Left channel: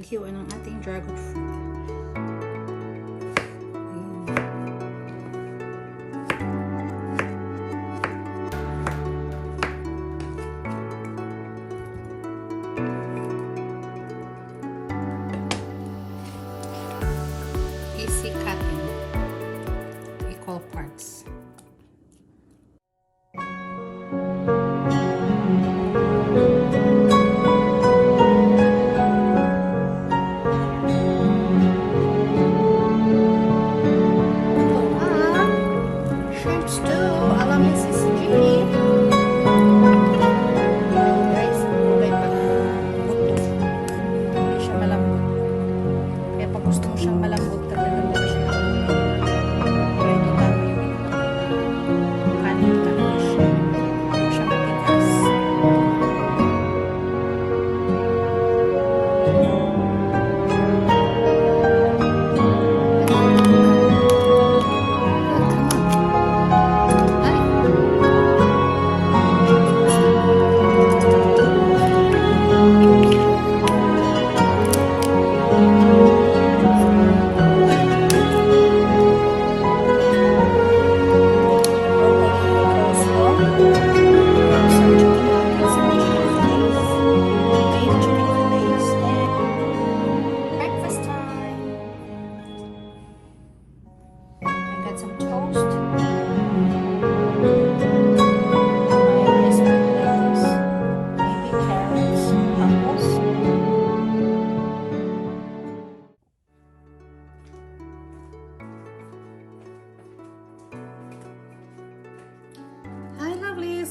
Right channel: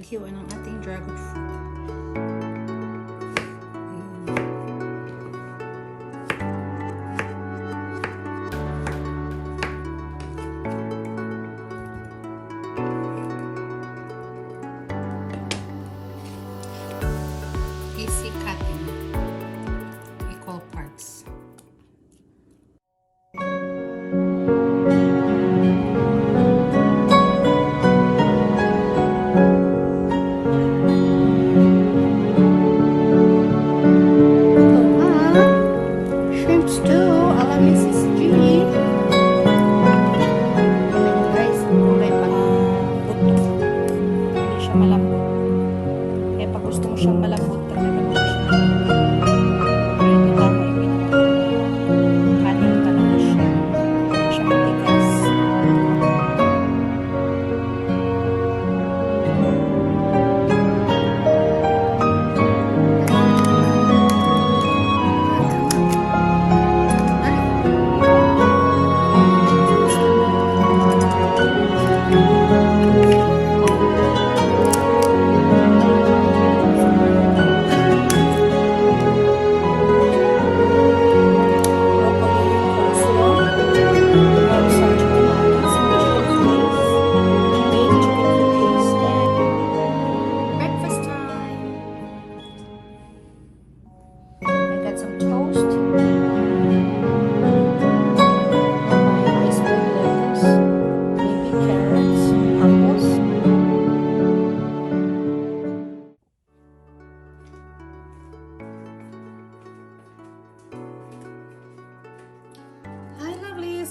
Hiwa ng ating dragon fruit. Easy cutting to equal parts.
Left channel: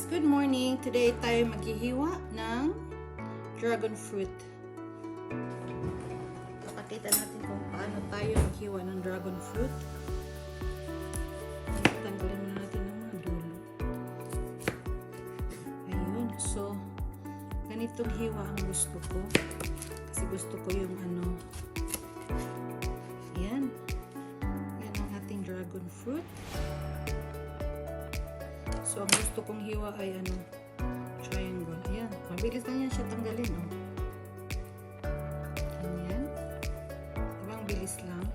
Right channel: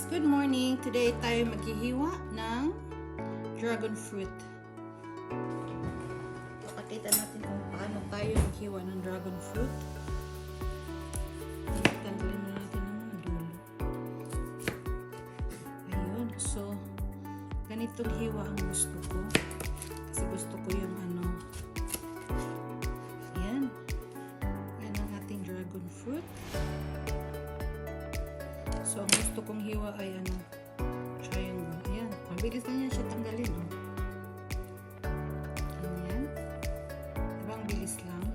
Good morning! Today tayo maghihiwa ng dragon fruit. Pakita natin kung paano tayo maghiwa ng dragon fruit. Tanggalin muna natin ng mga dulo. Ayun. So, ganitong hiwa ang gusto ko. Kasi gusto ko yung yan. Yan ang ating dragon fruit. So, ang gusto kong hiwa ay triangle. Ayan. Mabilis na yan siya tanggalin, oh. Ganyan. Diba ang bilis lang?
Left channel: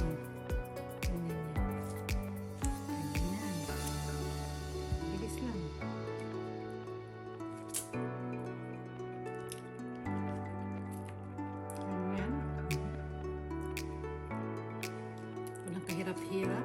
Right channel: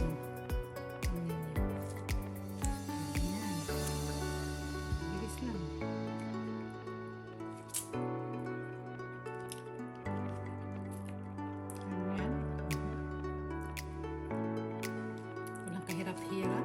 Oh. Ganyan yan. Ganyan. Bilis lang. Ganyan. Walang kahirap-hirap.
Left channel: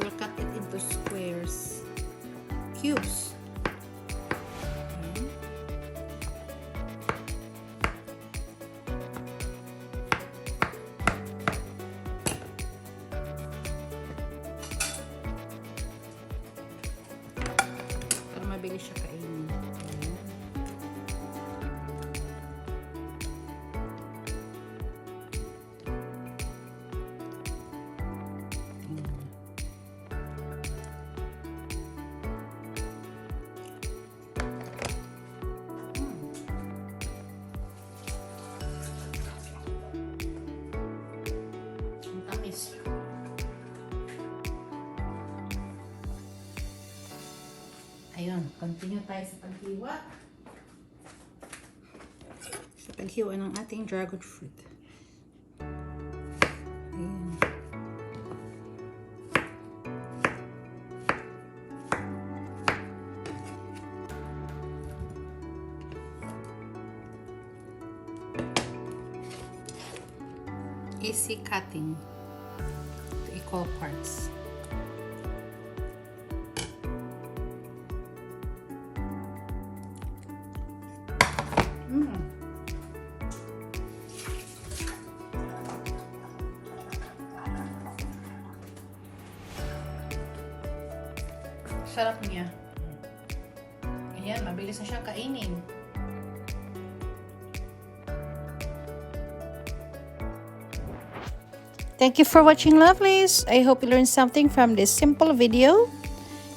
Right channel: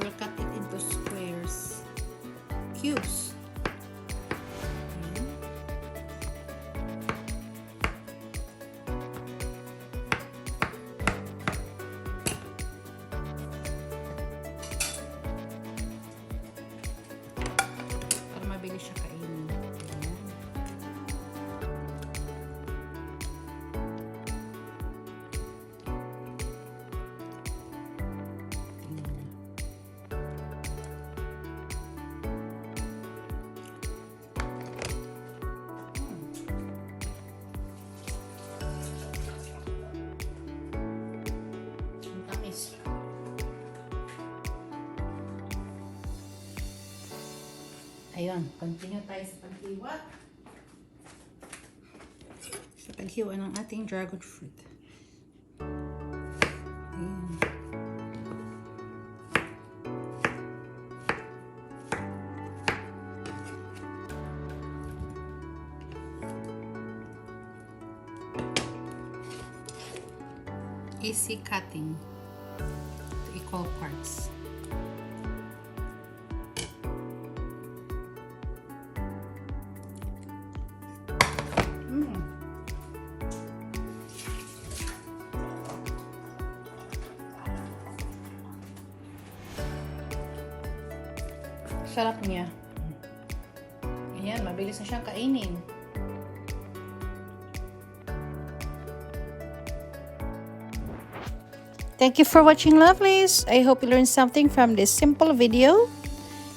We'll cut it into squares, cubes. Para mabilis siya kainin. Ayun, continue tayo sa paghiwa. Sa paghiwa ng ating dragon fruit. Ayun. Easy cutting to equal parts. Sarap niya. Ayan, mabilis na siya kainin. Thank you for watching, lovelies. I hope you learned something from this simple video.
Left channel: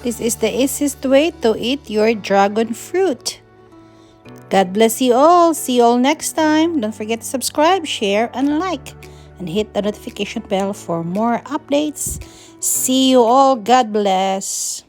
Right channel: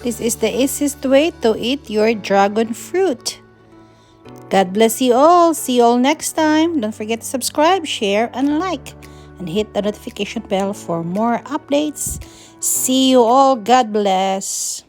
This is the easiest way to eat your dragon fruit. God bless you all. See you all next time. Don't forget to subscribe, share, and like. And hit the notification bell for more updates. See you all. God bless.